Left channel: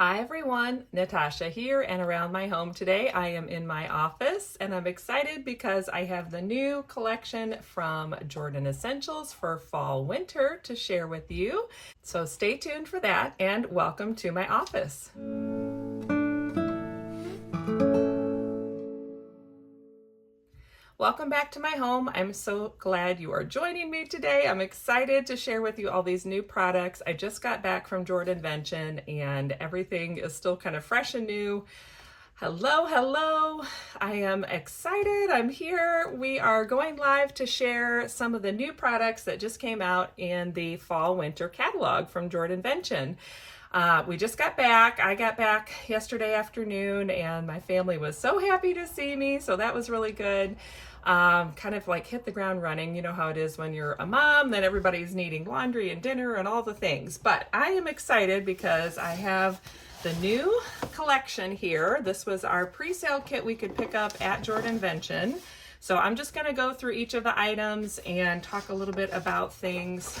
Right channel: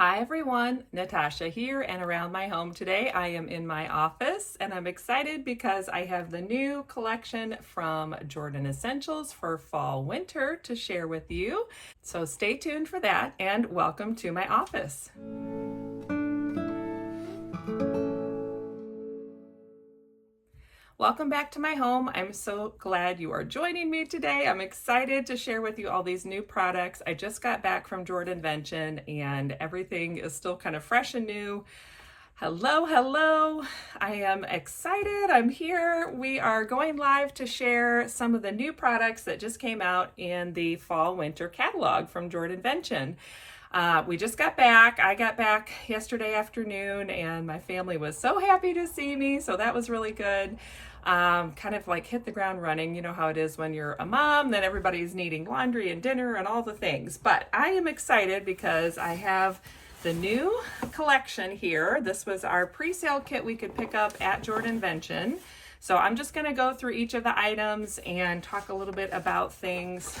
Hi everyone, Natasha here and around my home today. I am in my office and I'm excited because I have the new collection from Jordan Essentials for fall winter to share with you. So stay tuned for that and welcome to my office. Welcome back to my home. I'm so glad you are joining me today. I'm excited to share with you all these new products. I just got back from JordanVention and everything is still kind of fresh and new. Hello. I am excited. I'm here. We are going live to share some of the new products that just came out in the fall winter catalog from JordanVention. We just got back. I got back yesterday afternoon and my family was so happy to see me. So that was really good. Kind of like hit the ground running. You know how it is when you're a mom, then everybody's needing laundry and dinner and all the things. But I am excited because I have the new collection here. This was our pre-sale kit we could pick up at JordanVention. So I'm just going to go through each of the items and talk a little bit about things.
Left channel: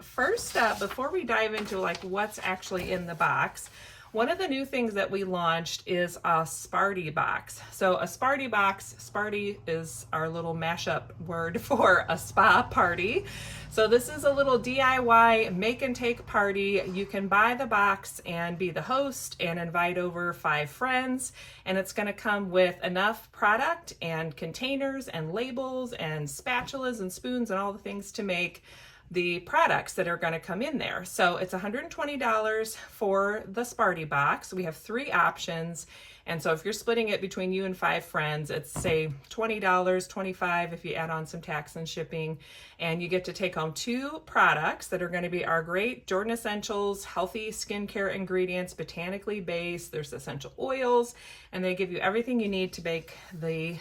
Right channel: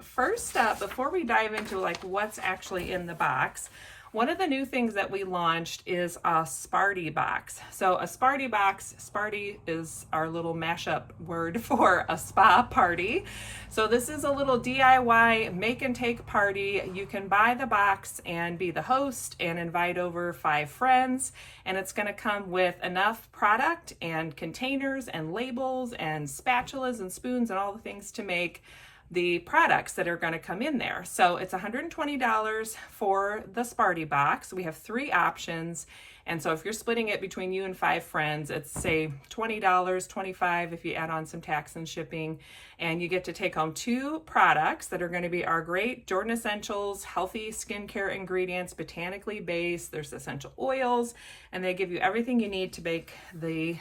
First up, before we dive into like what's actually in the box, one of the new things that we launched is a Sparty box. So a Sparty box, Sparty is our little mashup word for a spa party. So this is a little DIY make and take party. You can buy the box and be the host and invite over 5 friends. And it's going to come with enough product and containers and labels and spatulas and spoons and all the things to make the products that are going to come in there. So it's $120 for the Sparty box. We have 3 options. And so if you're splitting it between you and 5 friends, it's say $20, $25 if you add on some tax and shipping. And you get to take home 2 products that are going to be our great Jordan Essentials healthy skincare ingredients, botanically based. There's essential oils, and they give you everything you need to make the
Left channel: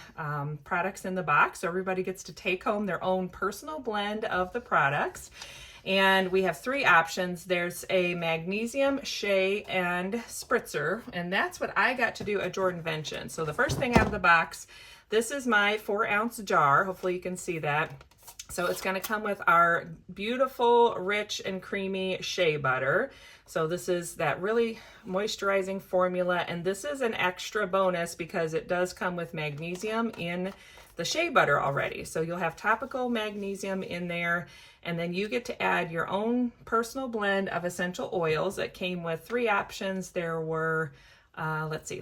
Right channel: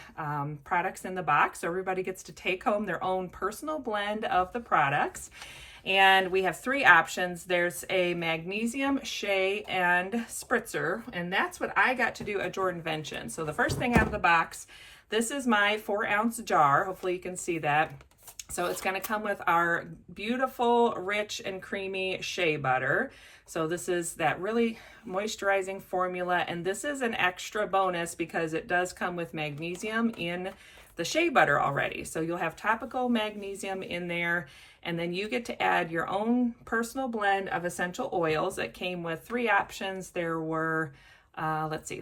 products in the box. So everybody gets to take home their own personal blend of the products. And we have 3 options. There's a magnesium, shea, and spritzer, and that's what I got to do at JordanVention. So the first thing out of the box, this is my 4-ounce jar. Hopefully you can see that. So it's going to come with our beautiful, rich, and creamy shea butter. So this is that really moisturizing formula, and this is an extra bonus because it does come with magnesium in the shea butter already. So you'll have topical magnesium in there, and then you get to add your own personal blend of essential oils. It came with 3 options. There were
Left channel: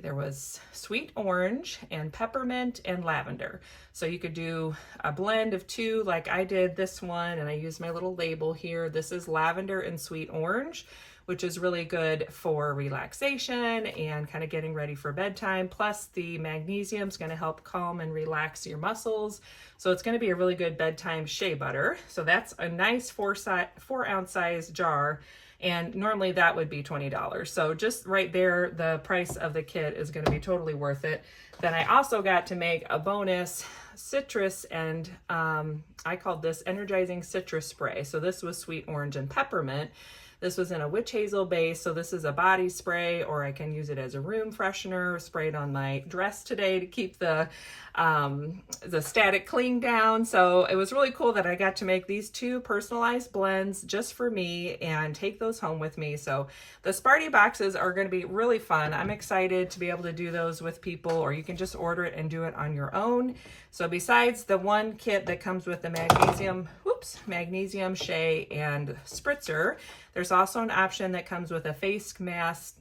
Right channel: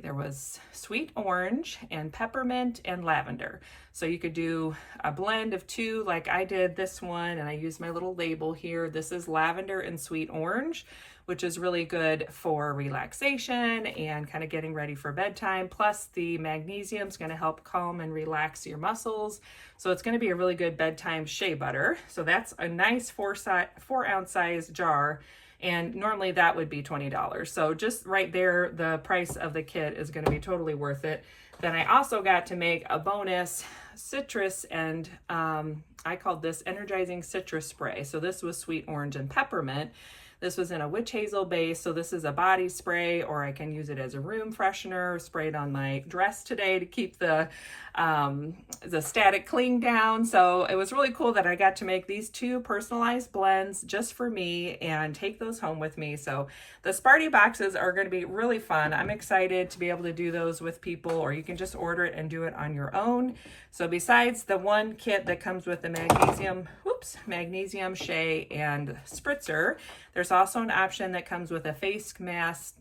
there was sweet orange and peppermint and lavender. So you could do a blend of 2 like I did this one, and I used my little label here. This is lavender and sweet orange, which is really good for relaxation and kind of getting ready for bedtime. Plus the magnesium is going to help calm and relax your muscles. So it's going to be a really good bedtime shea butter. So that's a nice 4-ounce size jar. And normally that would be $20. So just right there, the price of the kit is going to be totally worth it. Then I also got to make a bonus citrus, and I called this energizing citrus spray. So this was sweet orange and peppermint. This was in a witch hazel base, so this is a body spray, or I can use it as a room freshener, spray it on my dress today to keep the static cling down. So it was really cool that I got to make these 2 personalized blends just for me and take those home with me. So the Sparty boxes are going to be really fun. I'm excited to be able to do those with people, or you can just order it and do it on your own. So besides the one kit that comes with the magnesium, shea, and spritzer, there's also an option that comes with a face mask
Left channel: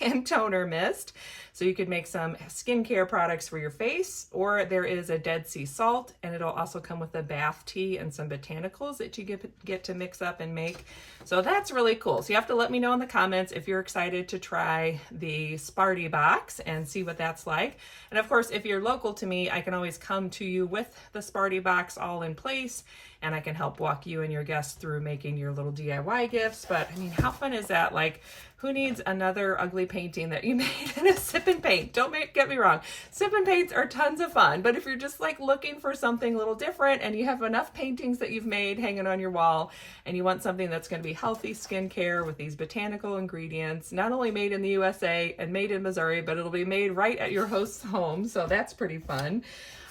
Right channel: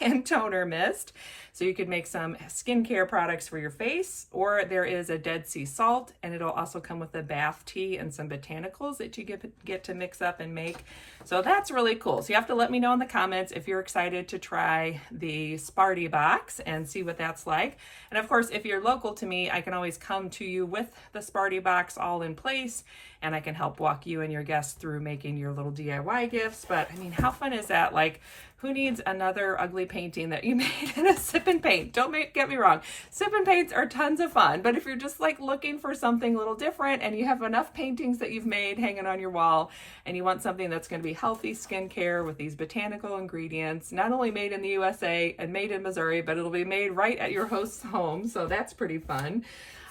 and toner mist. So you could make some skincare products for your face, or there is a Dead Sea salt, and it'll also come with a bath tea and some botanicals that you get to mix up and make. So that's really cool. So you have to let me know in the comments if you're excited to try the Sparty box and see what that's like. And of course, if you're local to me, I can always come to you with the Sparty box all in place, and I can help walk you and your guests through making your little DIY gifts. But I mean, how fun is that? Like, who needs another ugly painting that you made in a sip and paint? Get me wrong. Sip and paints are tons of fun, but if you're just like looking for something a little different and you have enough paintings that you've made hanging on your wall and you want something that's going to be healthy skincare with these botanical ingredients, not only made in the USA and made in Missouri, but it'll be made right at your host's home. So that's pretty fun.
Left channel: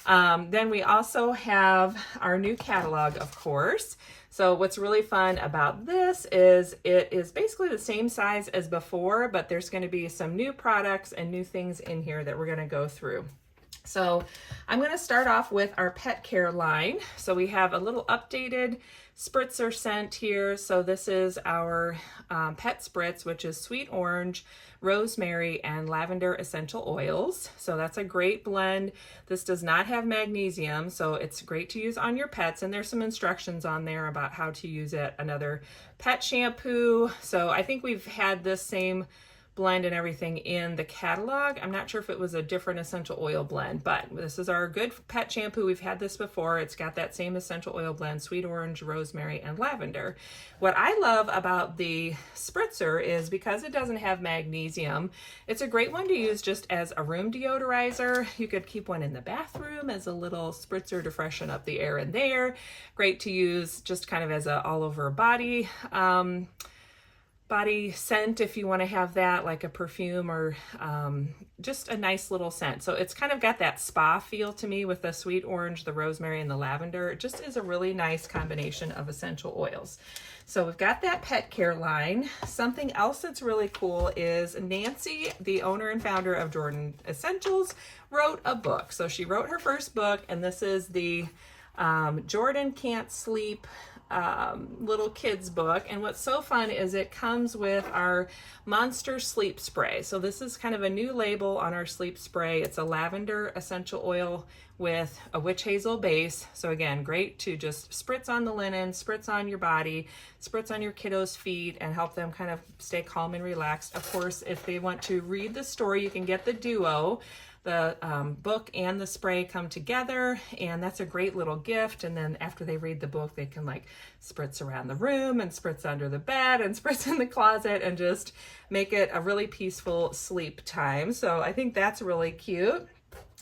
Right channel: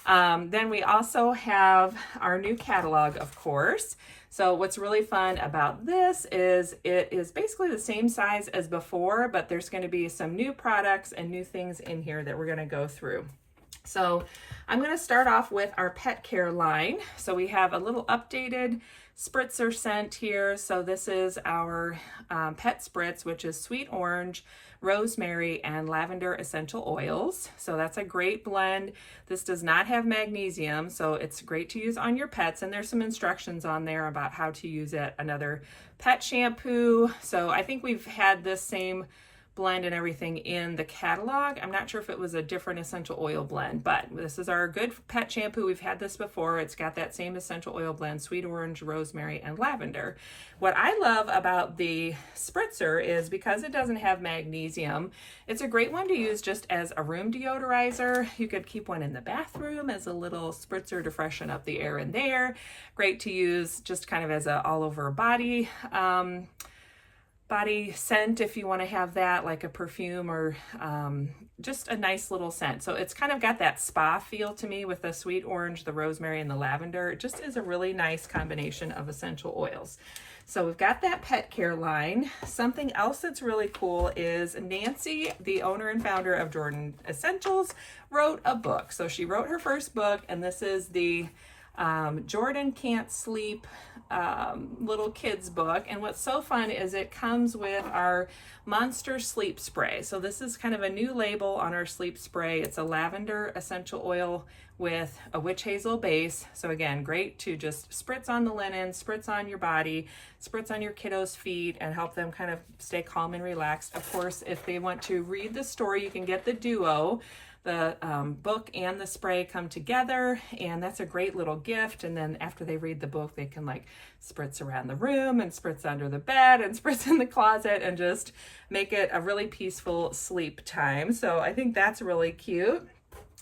Then we also have our new catalog, of course. So what's really fun about this is it is basically the same size as before, but there's going to be some new products and new things in here that we're going to go through. So I'm going to start off with our pet care line. So we have a little updated spritzer scent here. So this is our pet spritz, which is sweet orange, rosemary, and lavender essential oils. So that's a great blend. This does not have magnesium, so it's great to use on your pets, and there's some instructions on there about how to use it. Another pet shampoo. So I think we've had this same blend and everything in the catalog. I'm not sure if it was a different essential oil blend, but this is our good pet shampoo. We've had this before. It's got that same essential oil blend, sweet orange, rosemary, and lavender. What I love about the spritzer is because it doesn't have magnesium, it's a great one to use just as a room deodorizer. You could keep one in the bathroom as a little spritzer to freshen up the air in there. Great to use just kind of as a all over body scent if you want to have that, like a perfume or just a nice little scent. So it's kind of got that spa feel to me with the sweet orange, the rosemary, and the lavender. It just is a really nice combination of essential oils. So we've got that pet care line. Something else that's really cool is Nancy, the owner and founder of Jordan Essentials, wrote a book. So she wrote her first book, and this is the Jordan Can't Sleep little kids book. And what's so fun is it comes with our Monster Sleep Spray. So this is kind of a new label on our sleep spray. It's a lavender essential oil with a witch hazel base. So again, great to just spritz on the linen, spritz on your body, spritz on your kiddos' feet, and help them kind of stay calm and relaxed. Of course, if they want to read the story, you can get the duo. The book and the spray come together, and that's a great little gift. And then after they read the book, they can like spritz around the room and spritz under the bed and spritz in the closet and just make it a really peaceful sleep time. So I think that's really cute.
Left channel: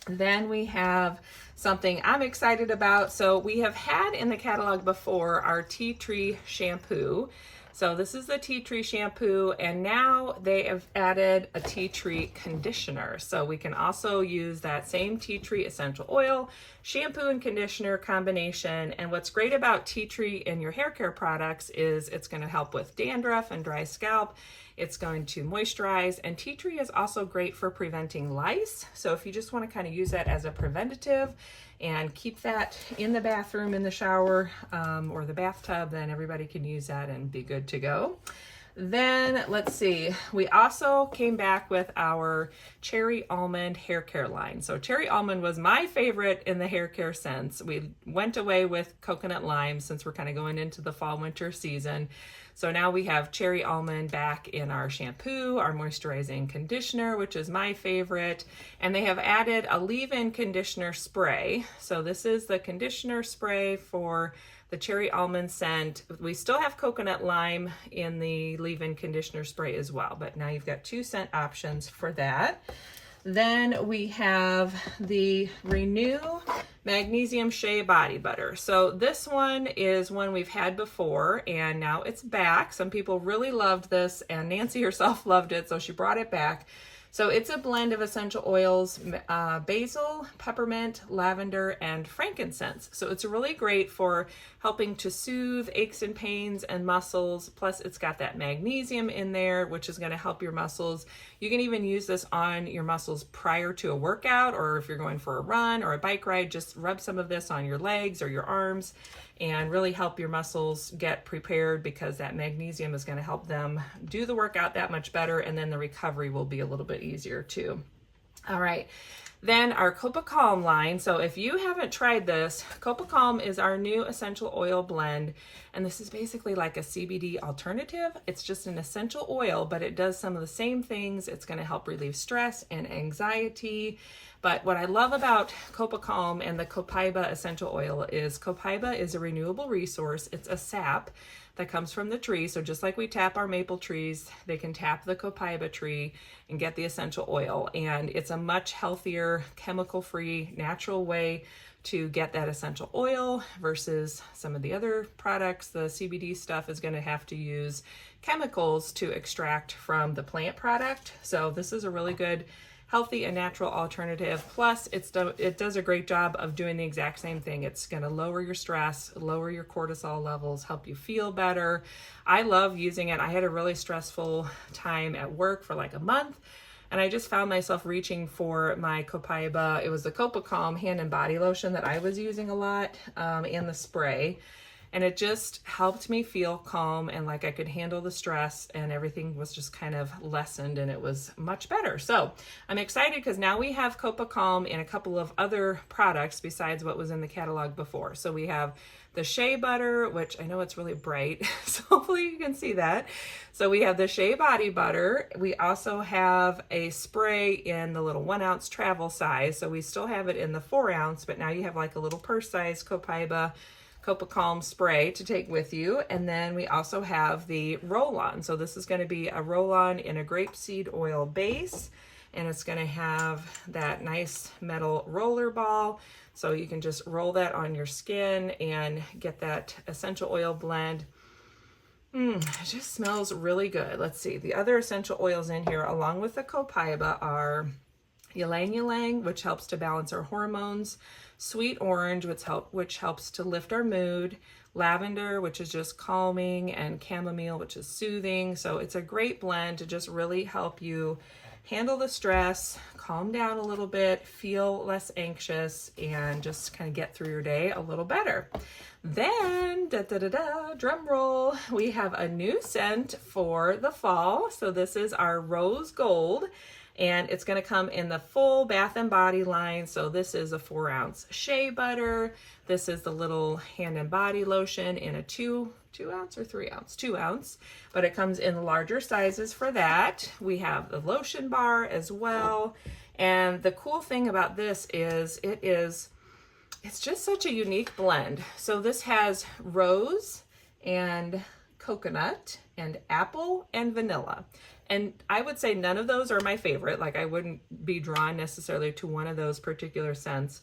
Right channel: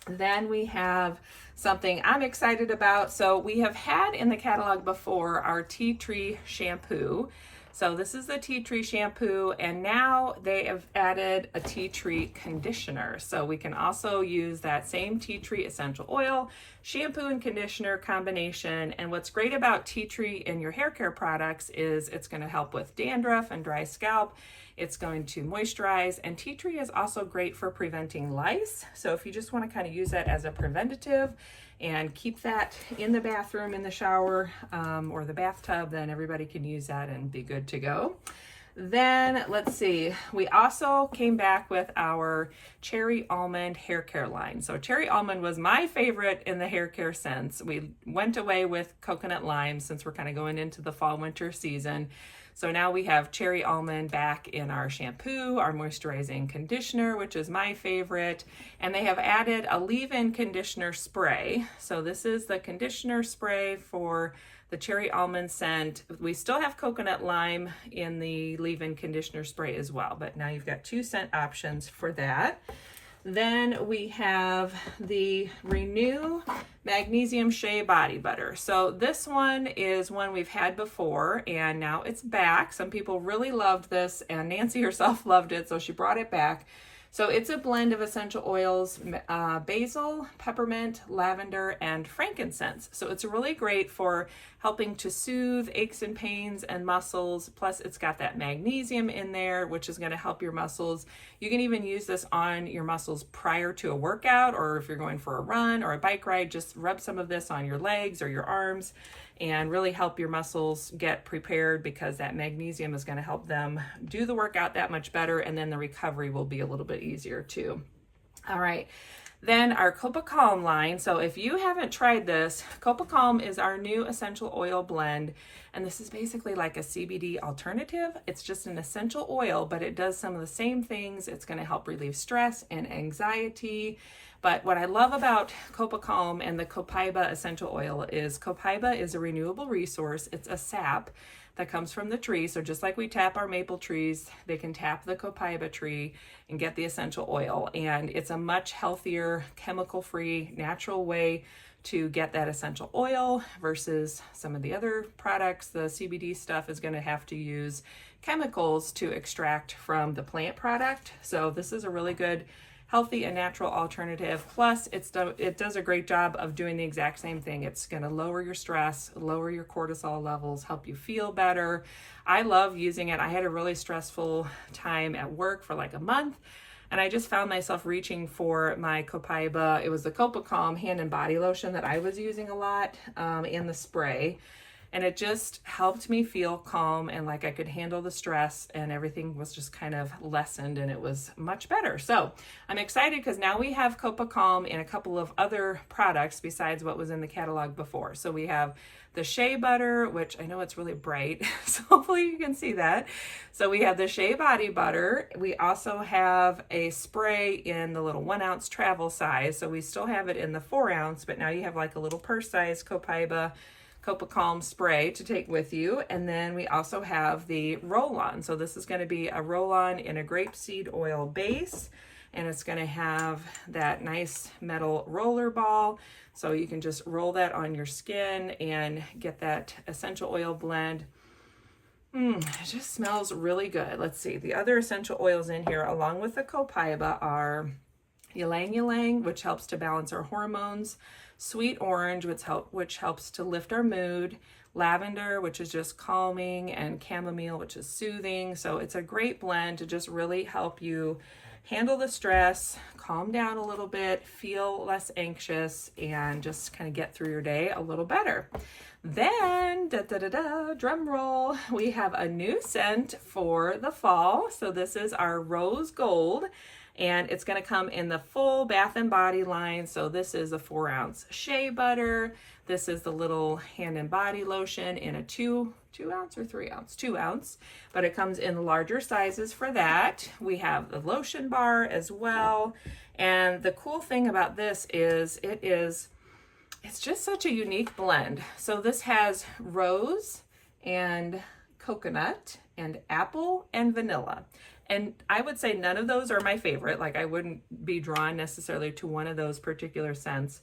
Then we have something I'm excited about. So we have had in the catalog before our tea tree shampoo. So this is the tea tree shampoo, and now they have added a tea tree conditioner. So we can also use that same tea tree essential oil, shampoo and conditioner combination. And what's great about tea tree in your hair care products is it's going to help with dandruff and dry scalp. It's going to moisturize, and tea tree is also great for preventing lice. So if you just want to kind of use that as a preventative and keep that in the bathroom, in the shower, or the bathtub, then everybody can use that and be good to go. Then let's see, we also came back with our cherry almond hair care line. So cherry almond was my favorite in the hair care scents. We went away with coconut lime since we're kind of going into the fall winter season. So now we have cherry almond back in our shampoo, our moisturizing conditioner, which is my favorite. And they have added a leave-in conditioner spray. So this is the conditioner spray for the cherry almond scent. We still have coconut lime in the leave-in conditioner spray as well, but now you've got 2 scent options for that. Then we have the Renew Magnesium Shea Body Butter. So this one is one we've had before, and now it's back. Some people really loved this, and Nancy herself loved it, so she brought it back. So it's a blend of essential oils, basil, peppermint, lavender, and frankincense. So it's really great for helping to soothe aches and pains and muscles. Plus it's got that magnesium in there, which is going to help your muscles. You can even use this on your muscles prior to a workout, or if you're going for a run or a bike ride, just rub some of this on your legs or your arms and really help your muscles get prepared, because that magnesium is going to help them do the workout that much better, and then the recovery will be a little bit easier too. All right, then our Copa Calm line. So if you haven't tried this, Copa Calm is our new essential oil blend, and this is basically like a CBD alternative. It's just an essential oil, but it does some of the same things. It's going to help relieve stress and anxiety. But what I love about Copa Calm and the copaiba essential oil is copaiba is a renewable resource. It's a sap that comes from the tree. So just like we tap our maple trees, they can tap the copaiba tree and get the essential oil. And it's a much healthier, chemical-free, natural way to get that essential oil versus some of the other products. The CBD stuff is going to have to use chemicals to extract from the plant product. So this is a really good healthy and natural alternative. Plus, it does a great job of doing the exact same thing. It's going to lower your stress, lower your cortisol levels, help you feel better. I love using it. I had a really stressful time at work for like a month, and I just found myself reaching for my Copaiba. It was the Copa Calm hand and body lotion that I was using a lot, and the spray. And it just helped me feel calm and like I could handle the stress, and everything was just kind of lessened, and it was much better. So I'm excited because now we have Copa Calm and a couple of other products besides what was in the catalog before. So we have the shea butter, which I know it's really bright, so hopefully you can see that. So we have the shea body butter. We also have a spray in the little 1 ounce travel size. So we still have it in the 4 ounce, but now you have like a little purse size Copaiba Copa Calm spray to take with you. And then we also have the roll-on. So this is going to be a roll-on in a grapeseed oil base, and it's going to have that nice metal roller ball. So you can just roll that on your skin and get that essential oil blend. It just smells really good. Let's see. The other essential oils in here, along with the Copaiba, are ylang ylang, which helps to balance our hormones, sweet orange, which helps to lift our mood, lavender, which is just calming, and chamomile, which is soothing. So it's a great blend to just really help you handle the stress, calm down a little bit, feel less anxious, and just kind of get through your day a little better. Then, drum roll, we have a new scent for the fall. So this is our Rose Gold, and it's going to come in the full bath and body line. So this is a 4 ounce shea butter. This is the little hand and body lotion in a 2 ounce or 3 ounce? 2 ounce, but it comes in larger sizes for that. We have the lotion bar as well. And the cool thing about this is it's just such a unique blend. So this has rose and coconut and apple and vanilla. And I would say none of those are my favorite. Like, I wouldn't be drawn necessarily to one of those particular scents.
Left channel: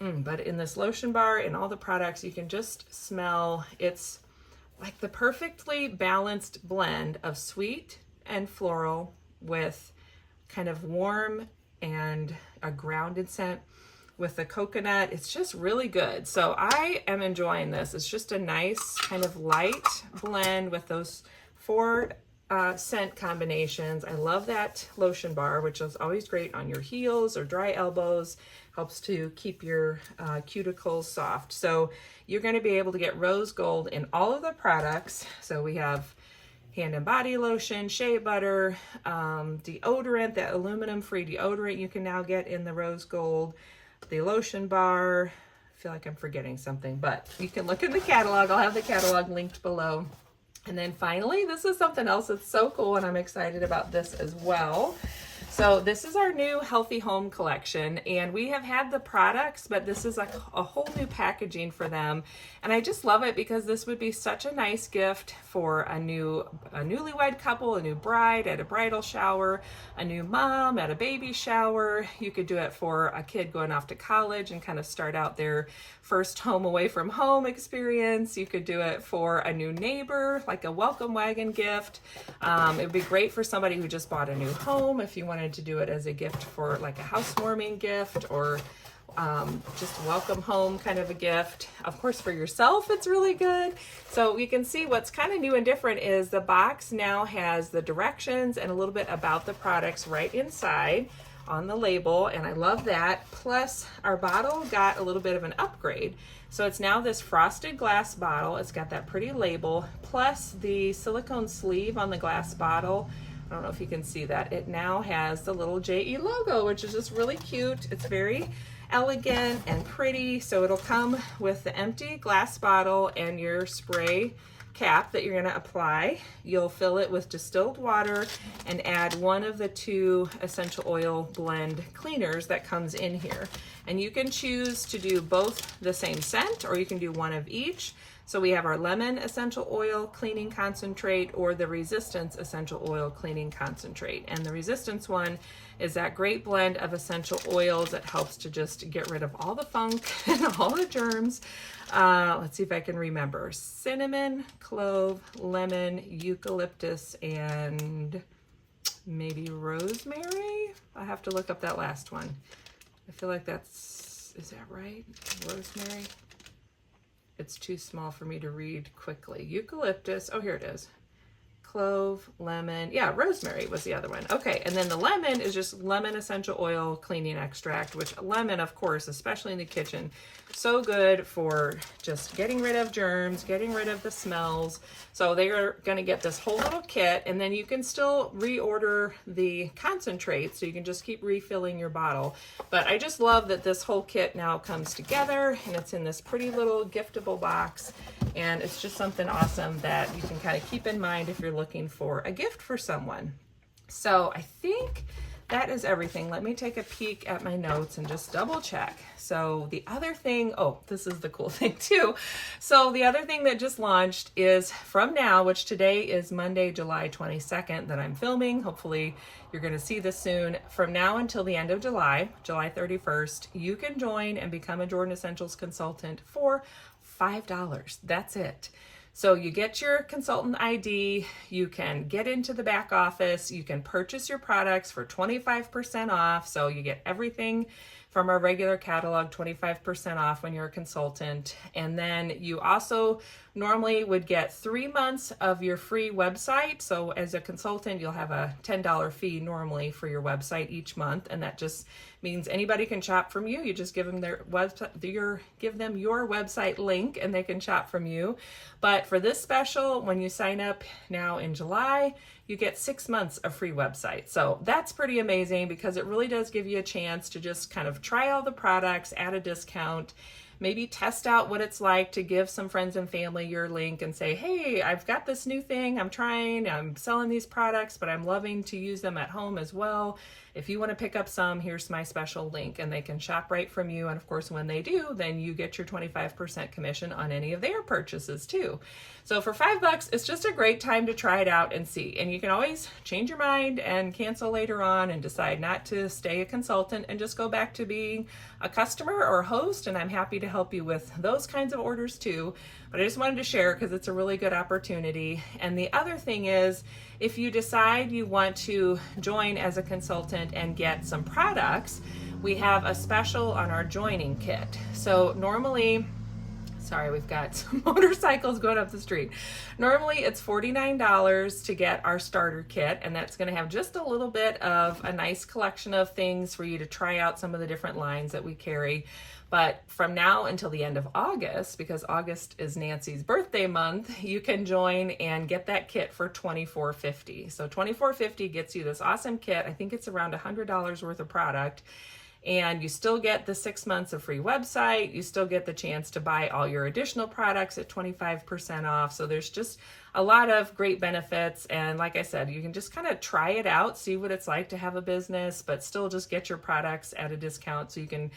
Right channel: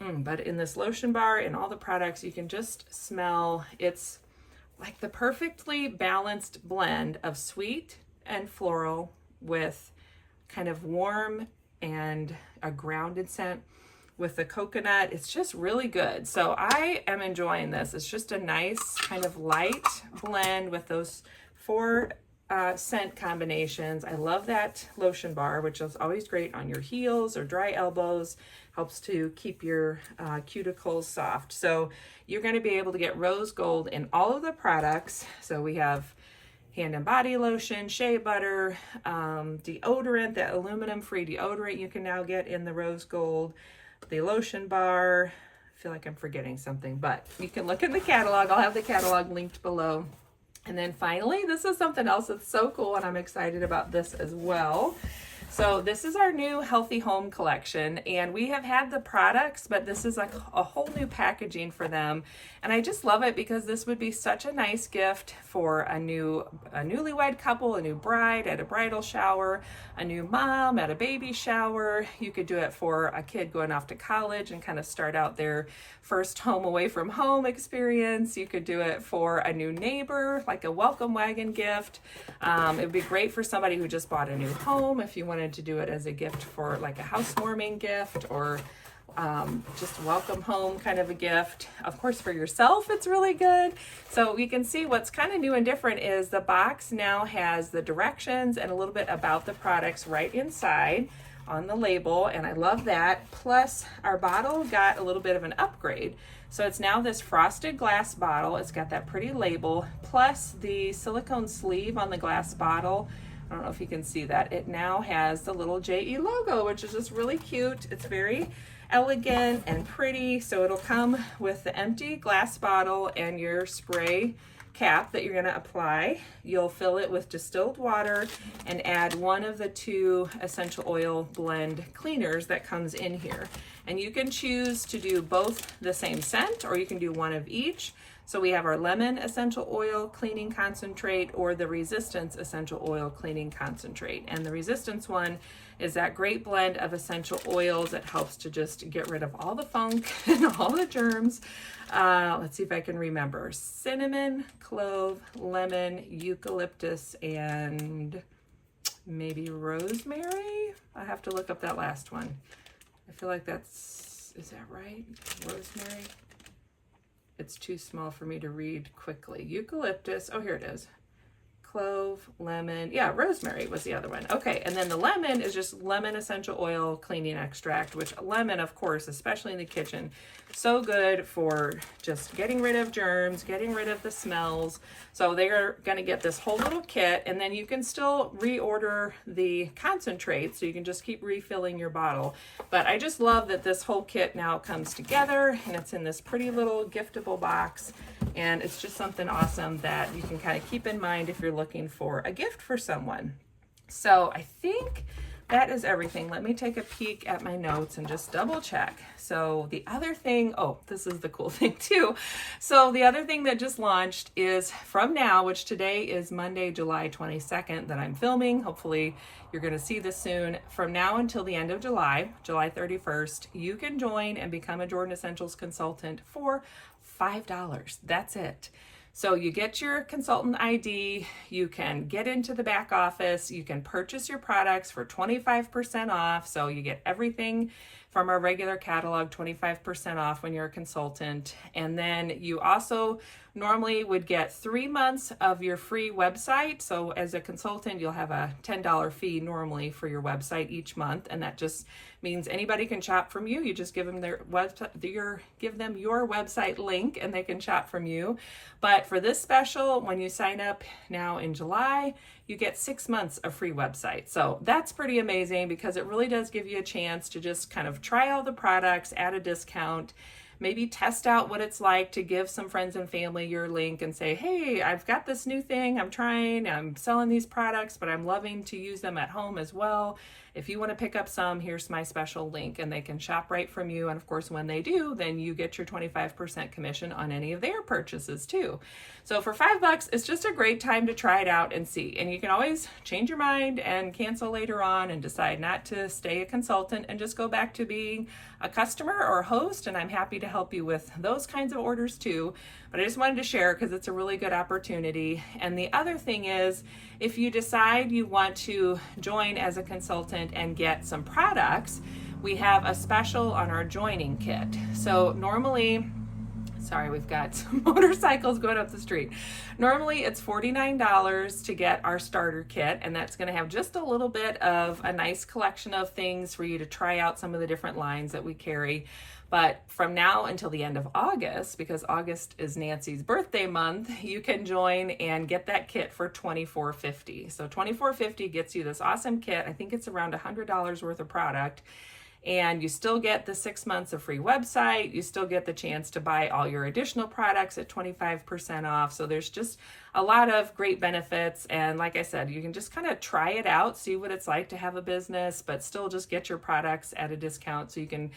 But in this lotion bar and all the products, you can just smell, it's like the perfectly balanced blend of sweet and floral with kind of warm and a grounded scent with the coconut. It's just really good. So I am enjoying this. It's just a nice kind of light blend with those 4 scent combinations. I love that lotion bar, which is always great on your heels or dry elbows. Helps to keep your cuticles soft. So you're going to be able to get Rose Gold in all of the products. So we have hand and body lotion, shea butter, deodorant, that aluminum-free deodorant you can now get in the Rose Gold, the lotion bar. I feel like I'm forgetting something, but you can look in the catalog. I'll have the catalog linked below. And then finally, this is something else that's so cool, and I'm excited about this as well. So this is our new Healthy Home collection, and we have had the products, but this is like a whole new packaging for them. And I just love it because this would be such a nice gift for a newlywed couple, a new bride at a bridal shower, a new mom at a baby shower. You could do it for a kid going off to college and kind of start out their first home away from home experience. You could do it for a new neighbor, like a welcome wagon gift. It would be great for somebody who just bought a new home if you wanted to do it as a gift for like a housewarming gift, or just welcome home kind of a gift. Of course, for yourself, it's really good. So you can see what's kind of new and different is the box now has the directions and a little bit about the products right inside on the label, and I love that. Plus, our bottle got a little bit of an upgrade. So it's now this frosted glass bottle. It's got that pretty label, plus the silicone sleeve on the glass bottle. I don't know if you can see that. It now has the little JE logo, which is just really cute. It's very elegant and pretty. So it'll come with the empty glass bottle and your spray cap that you're going to apply. You'll fill it with distilled water and add one of the 2 essential oil blend cleaners that comes in here. And you can choose to do both the same scent, or you can do one of each. So we have our lemon essential oil cleaning concentrate or the resistance essential oil cleaning concentrate. And the resistance one is that great blend of essential oils that helps to just get rid of all the funk and all the germs. Let's see if I can remember. Cinnamon, clove, lemon, eucalyptus, and maybe rosemary. I have to look up that last one. I feel like is that right? Rosemary? It's too small for me to read quickly. Eucalyptus, oh, here it is. Clove, lemon, yeah, rosemary was the other one. Okay, and then the lemon is just lemon essential oil cleaning extract, which lemon, of course, especially in the kitchen, so good for just getting rid of germs, getting rid of the smells. So they are going to get this whole little kit, and then you can still reorder the concentrate, so you can just keep refilling your bottle. But I just love that this whole kit now comes together, and it's in this pretty little giftable box. And it's just something awesome that you can kind of keep in mind if you're looking for a gift for someone. So I think that is everything. Let me take a peek at my notes and just double check. So the other thing, oh, this is the cool thing too. So the other thing that just launched is from now, which today is Monday, July 22nd that I'm filming. Hopefully you're going to see this soon. From now until the end of July, July 31st, you can join and become a Jordan Essentials consultant for $5. That's it. So you get your consultant ID, you can get into the back office, you can purchase your products for 25% off. So you get everything from our regular catalog, 25% off when you're a consultant. And then you also normally would get 3 months of your free website. So as a consultant, you'll have a $10 fee normally for your website each month. And that just means anybody can shop from you. You just give them their website, give them your website link and they can shop from you. But for this special, when you sign up now in July, you get 6 months of free website. So that's pretty amazing because it really does give you a chance to just kind of try all the products at a discount, maybe test out what it's like to give some friends and family your link and say, hey, I've got this new thing I'm selling these products, but I'm loving to use them at home as well. If you want to pick up some, here's my special link, and they can shop right from you. And of course, when they do, then you get your 25% commission on any of their purchases too. So for $5, it's just a great time to try it out and see. And you can always change your mind and cancel later on and decide not to stay a consultant and just go back to being a customer or a host. And I'm happy to help you with those kinds of orders too. But I just wanted to share because it's a really good opportunity. And the other thing is, if you decide you want to join as a consultant and get some products, we have a special on our joining kit. So normally, sorry, we've got some motorcycles going up the street. Normally it's $49 to get our starter kit, and that's going to have just a little bit of a nice collection of things for you to try out some of the different lines that we carry. But from now until the end of August, because August is Nancy's birthday month, you can join and get that kit for $24.50. So $24.50 gets you this awesome kit. I think it's around $100 worth of product. And you still get the 6 months of free website. You still get the chance to buy all your additional products at 25% off. So there's just a lot of great benefits. And like I said, you can just kind of try it out, see what it's like to have a business, but still just get your products at a discount so you can,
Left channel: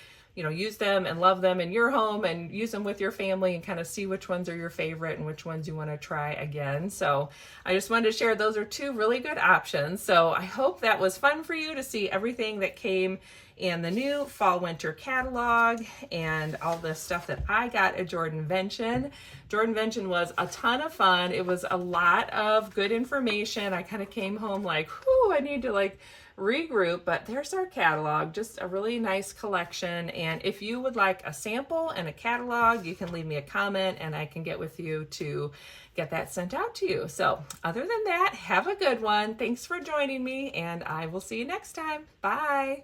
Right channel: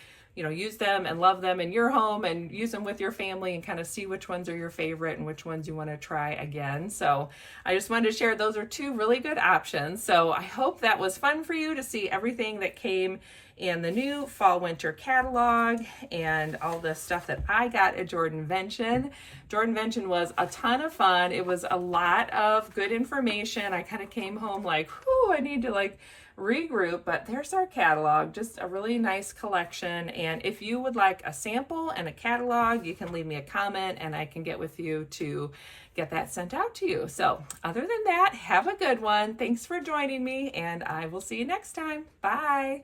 use them and love them in your home and use them with your family and kind of see which ones are your favorite and which ones you want to try again. So I just wanted to share those are two really good options. So I hope that was fun for you to see everything that came in the new fall winter catalog and all the stuff that I got at JordanVention. JordanVention was a ton of fun. It was a lot of good information. I kind of came home like, whew, I need to regroup, but there's our catalog, just a really nice collection. And if you would like a sample and a catalog, you can leave me a comment and I can get with you to get that sent out to you. So other than that, have a good one. Thanks for joining me and I will see you next time. Bye.